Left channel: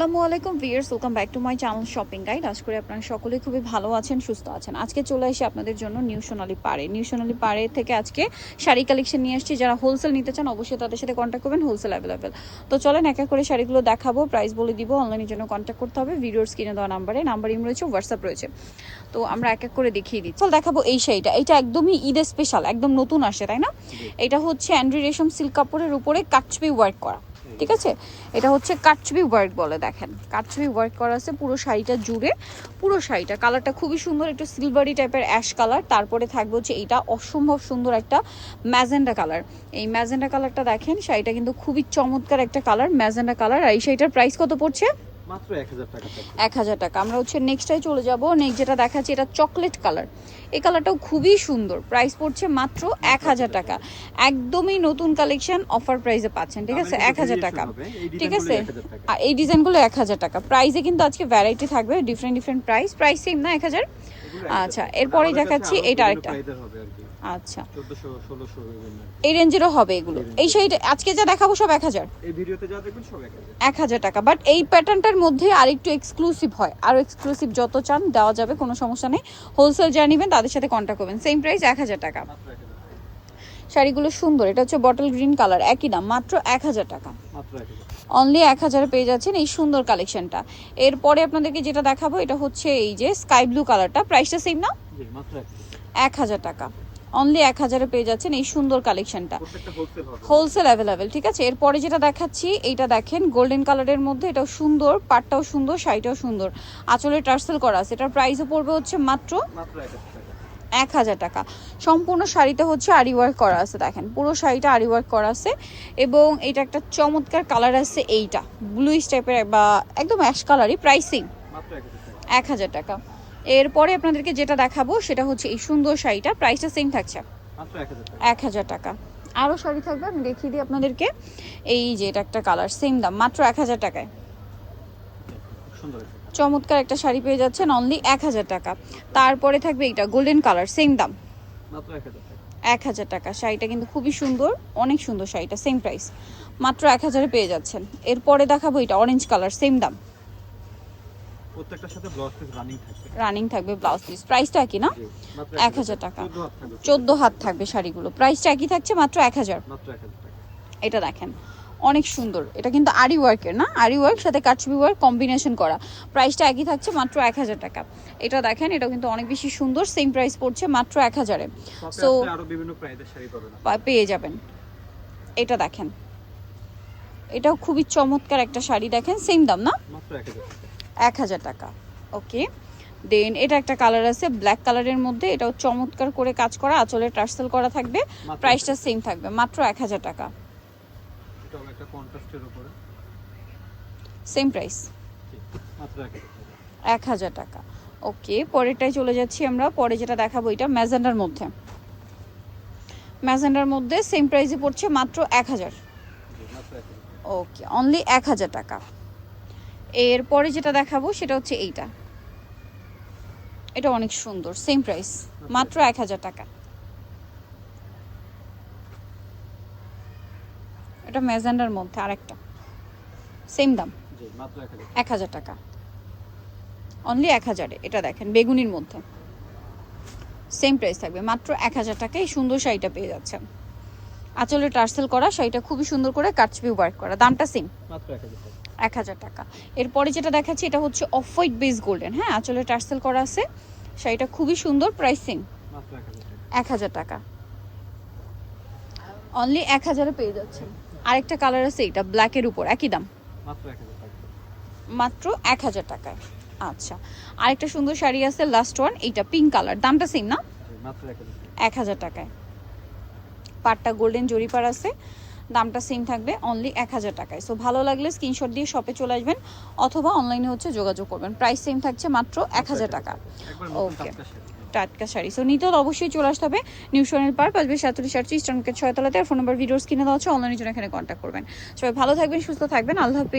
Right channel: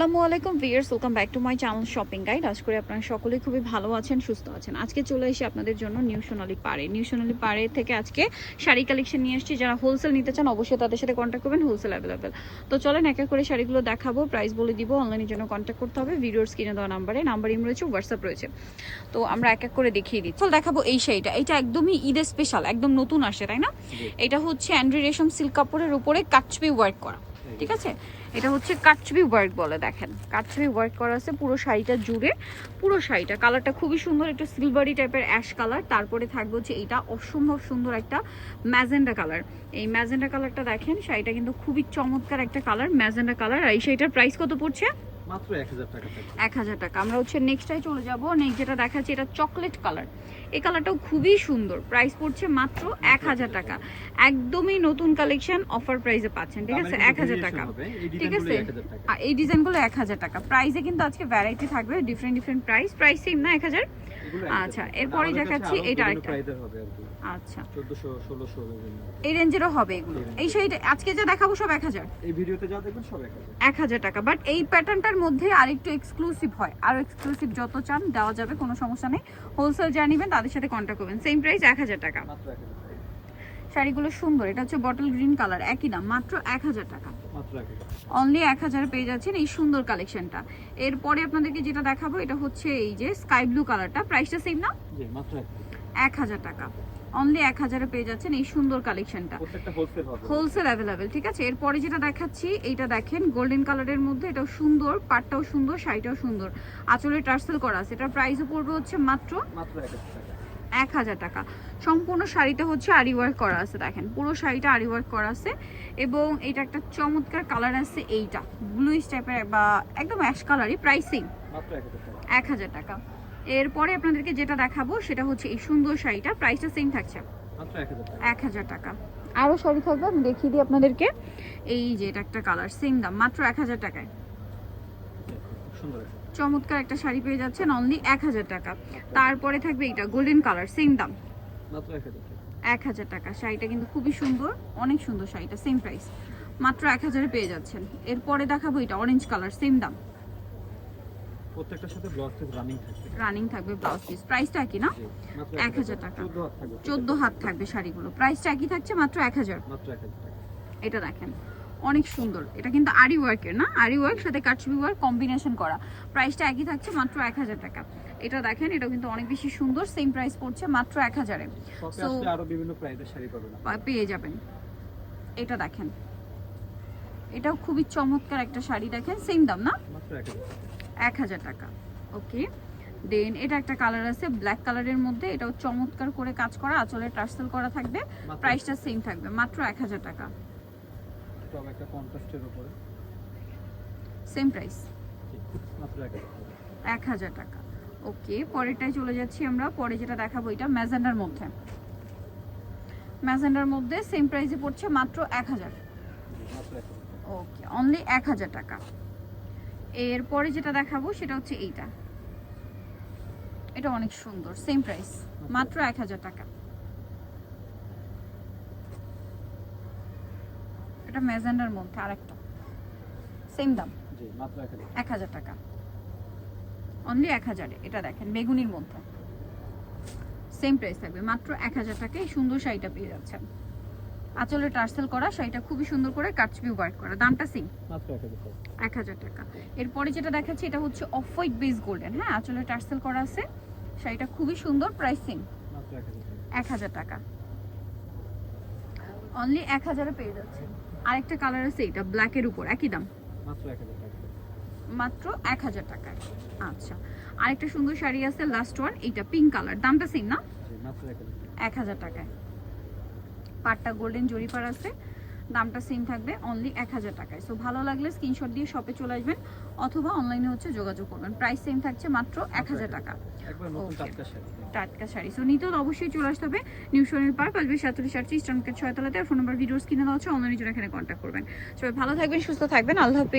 আসসালামু আলাইকুম viewers, welcome back to my channel shopping guide. আশা করি আপনারা সকলেই খুবই ভালো আছেন, সুস্থ আছেন। আজকে চলে এসে আপনাদের জন্য নিউ সোনালী পাড়ে থেকে আজকে শাড়ি কালেকশন নিয়ে আসছি। যারা হোলসেল নিতে চান অবশ্যই তাদের সাথে কন্ট্যাক্ট করবেন, হোলসেল অ্যাভেলেবেল। তো চলেন এক এক করে শাড়িগুলো দেখাবো, প্রাইস বলে দিব। অনলাইনের জন্য কন্ট্যাক্ট করতে হবে ভিডিওর স্ক্রিনে দেওয়া নাম্বার ইম রয়েছে, হোয়াটসঅ্যাপ রয়েছে। তো আমরা এক এক করে দেখিয়ে দিচ্ছি। দেখাবো এই শাড়িটা, এটা একদমই ঈদের স্পেশাল, একদম নতুন আসে, তাই না? এটা হচ্ছে অ্যান্ড্রি রেশম সিল্ক কাপড়ের উপরে কাটছবি ওয়ার্ক করা, ঠিক আছে? এটা হচ্ছে কাটছবি ওয়ার্ক বলে, দেখেন কাটছবি ওয়ার্ক করা আছে পুরো শাড়িটা জুড়ে। পুরো শাড়িটা কালারটা খুবই সুন্দর, একটু সিলভারি টাইপের অ্যাশ কালার। তারপরে থাকবে হচ্ছে এটা অসম্ভব সুন্দর একটা ম্যাজেন্ডা কালার। এই ম্যাজেন্ডা কালারটা দেখেন, শাড়িটা কিন্তু খুবই চমৎকার একটা কালার, ম্যাজেন্ডা কালার। আর এই শাড়িটার প্রাইস কত পড়ছে? মাত্র 1000 টাকা। 1000 টাকা। আমরা হচ্ছে নেক্সটে চলে যাব। নেক্সট যেটা দেখাচ্ছি এটা চকলেট কালার। এই কালারটাও খুবই সুন্দর, প্রাইস পড়ছে মাত্র 1000 টাকা। একদমই নতুন কালেকশন, অফার প্রাইসে পাচ্ছেন, ঠিক আছে? 1000 টাকা, ঠিক আছে? আর এই ডিজাইনগুলো 1000 টাকা। প্রাইসে কিন্তু আজকে ভ্যারাইটি থাকবে, ডিফারেন্ট প্রাইস সেম না 1000? আচ্ছা, এরপরে দেখাচ্ছি এটা আরেকটা। আচ্ছা, 1400 1600 এই রেঞ্জেরও হবে এগুলো। এই শাড়িটা আজকে যা দেখাবো সব 1000, এই ভিডিওতে যা দেখুন সব 1000। 1000 টাকা। বাট এই প্যাটার্নটার মধ্যে আরেকটু এক্সক্লুসিভ হয়, আর এক্সক্লুসিভ যত চান দেওয়া যাবে, কোনো সমস্যা নেই। হোলসেল যারা নেবেন তাদের সাথে কন্ট্যাক্ট করবেন। সেম প্রাইস 1000 টাকা। মাত্র 1000 টাকা। শাড়িগুলো সুন্দর, এটা হচ্ছে বটল গ্রিন কালার, একই দাম মাত্র 1000 টাকা। মাত্র 1000। অনলি 1000 পেয়ে যাচ্ছেন এই সুন্দর কালেকশনটা। এরপরে আপনাদেরকে যেটা দেখাবো এটা হচ্ছে এই যে স্কাই ব্লু কালারটা, প্রাইসটা সেম না? জি, মাত্র 1000 টাকা। অনলি 1000 পেয়ে যাচ্ছেন এই সুন্দর কালেকশনটা, প্রত্যেকটা হোলসেল হবে, হোলসেল অ্যাভেলেবেল, ঠিক আছে? এরপরে যেটা দেখাচ্ছি এইটা দেখেন গোল্ডেন কালারের মধ্যে, এটাও সুন্দর, পাটটাও সুন্দর, শাড়িটাও সুন্দর, আঁচলে টার্সেল করা আছে। এটার প্রাইসও পড়বে হচ্ছে মাত্র 1000 টাকা। 1000 টাকা। সম্পূর্ণ শাড়িটা হচ্ছে আরি ওয়ার্ক করা আছে, দেখেন পুরো শাড়িটা আরি ওয়ার্ক করা আছে। এবং এটা একটা চমৎকার কালার আছে, এইটা ব্লুইশ টাইপের বা একদম অ্যাশ কালারই। প্রাইসিং মাত্র 1000 টাকা। 1000 টাকা। এরপরে আপনাদেরকে যেটা দেখাবো সেটা হচ্ছে এই সুন্দর শাড়িটা, প্রাইসটা সেম থাকছে মাত্র 1000 টাকা। 1000 টাকা। আরও শাড়ি থাকবে, আমি দেখিয়ে দিই আপনাদেরকে। এই যে এটা একটা কালার, সেম দাম মাত্র 1000 টাকায়। সুন্দর চমৎকার একটা শাড়ি পেয়ে যাচ্ছেন অনলি 1000 টাকা। তারপরে থাকবে এটা গোল্ডেন কালার, সেম দাম মাত্র 1000 টাকা। 1000 টাকা। শাড়িটা কিন্তু খুবই সুন্দর, অনেক সুন্দর শাড়িটা, সেম প্রাইস মাত্র 1000 পেয়ে যাচ্ছেন। এরপরে দেখাবো এটা অরেঞ্জ কালার, সেম দাম। প্রত্যেকটার সাথে ব্লাউজ পিস রানিং থাকবে ব্লাউজ পিস, প্রাইসটা একই না? জি, মাত্র 1000 টাকা। 14 হাত থাকবে। 14 হাত থাকবে শাড়িগুলো, প্রাইসটা একই থাকছে মাত্র 1000। মাত্র 1000 টাকা। এটা দেখেন অনেক সুন্দর, এটা কিন্তু আরি ওয়ার্কের না, আরি ওয়ার্ক সাথে কাটছবি ওয়ার্ক কম্বিনেশন করা। প্রাইসটা একই থাকছে মাত্র 1000 টাকা। এটা দেখেন, এটা কিন্তু অনেক বেশি সুন্দর, সেম প্রাইস পড়ছে মাত্র 1000-এ। সো আরো বিভিন্ন প্রাইসের শাড়ি পাবেন, পেয়ে যাবেন। এটা দেখেন, এটাও খুবই চমৎকার একটা শাড়ি, দেখেন সেম দাম না? মাত্র 1000 টাকা। 1000 টাকা, ওকে। দেন এটা একটা কালার আছে ব্ল্যাক কালারের মধ্যে, এটাও চমৎকার করে কাজ করা, আঁচলে টার্সেল করা থাকবে। প্রাইসটা সেম থাকবে মাত্র 1000 টাকা। এটা একটা কন্ট্রাস্টের উপরে, সেম প্রাইস মাত্র 1000 টাকা। ওকে, পরেরটাই চলে যাচ্ছি আমরা। পরে যেটা দেখাবো এটা ম্যাজেন্ডার মধ্যে সেম প্রাইসে পড়ছে মাত্র 1000। ওকে, অনলি 1000 টাকা। এরপরে যেটা দেখাবো সেটা হচ্ছে এইটা, এটা অনেক সুন্দর, সেম প্রাইস মাত্র 1000 টাকা। এটা ম্যাজেন্ডার মধ্যে আরেকটা, সেম দাম জি, মাত্র 1000 টাকা। অনলি 1000-এ এটা দেখেন বেগুনির মধ্যে, সেম প্রাইস থাকবে মাত্র 1000 টাকায়। এই সুন্দর শাড়িটা পেয়ে যাচ্ছেন, আঁচলে টার্সেল করা, শাড়িটা খুবই সুন্দর করে কাটছবি ওয়ার্ক করা, দামটা সেম মাত্র 1000 টাকা। 1000 টাকা। এরপরে যেটা দেখাচ্ছি এটা হচ্ছে অফ হোয়াইট বেস গোল্ডেন, হ্যাঁ আঁচলে টার্সেল করা আছে, শাড়িটা খুবই সুন্দর, প্রাইসিং মাত্র 1000 টাকা। 1000 টাকা। অনলি 1000-এ পেয়ে যাচ্ছেন। আরেকটা কালার আছে এটা ব্ল্যাকের উপর, একই দাম মাত্র 1000 টাকা। মাত্র 1000 টাকায়। আচ্ছা, আরেকটা সুন্দর শাড়ি আছে লাস্ট ওয়ান, এইটা পিঙ্ক কালার, দামটা সেম না? জি, মাত্র 1000 টাকা। 1000 টাকায়। পাটটা গোল্ডেন জরি পার আছে, দামটা সেম থাকবে অনলি 1000 টাকায়। সো ভালো লাগলে স্ক্রিনশট দিয়ে শপে চলে আসবেন অথবা অনলাইনে হচ্ছে যোগাযোগ করবেন। প্রাইস সেম থাকছে মাত্র 1000 টাকা। একবার নতুন ওকে, টাটকা শাড়ি। টাটকা শাড়ি। সো নিতে হলে অবশ্যই চলে আসতে হবে নিউ সোনালী পার্ক, 5/47 ইস্টার্ন মার্কেট 6 তলাতে। আর ফোন নাম্বার ভিডিওস কিনে দেওয়া হচ্ছে, অনলাইনের জন্য এখানে কন্ট্যাক্ট করবেন। সবাই ভালো থাকবেন, সুস্থ থাকবেন, আল্লাহ হাফেজ।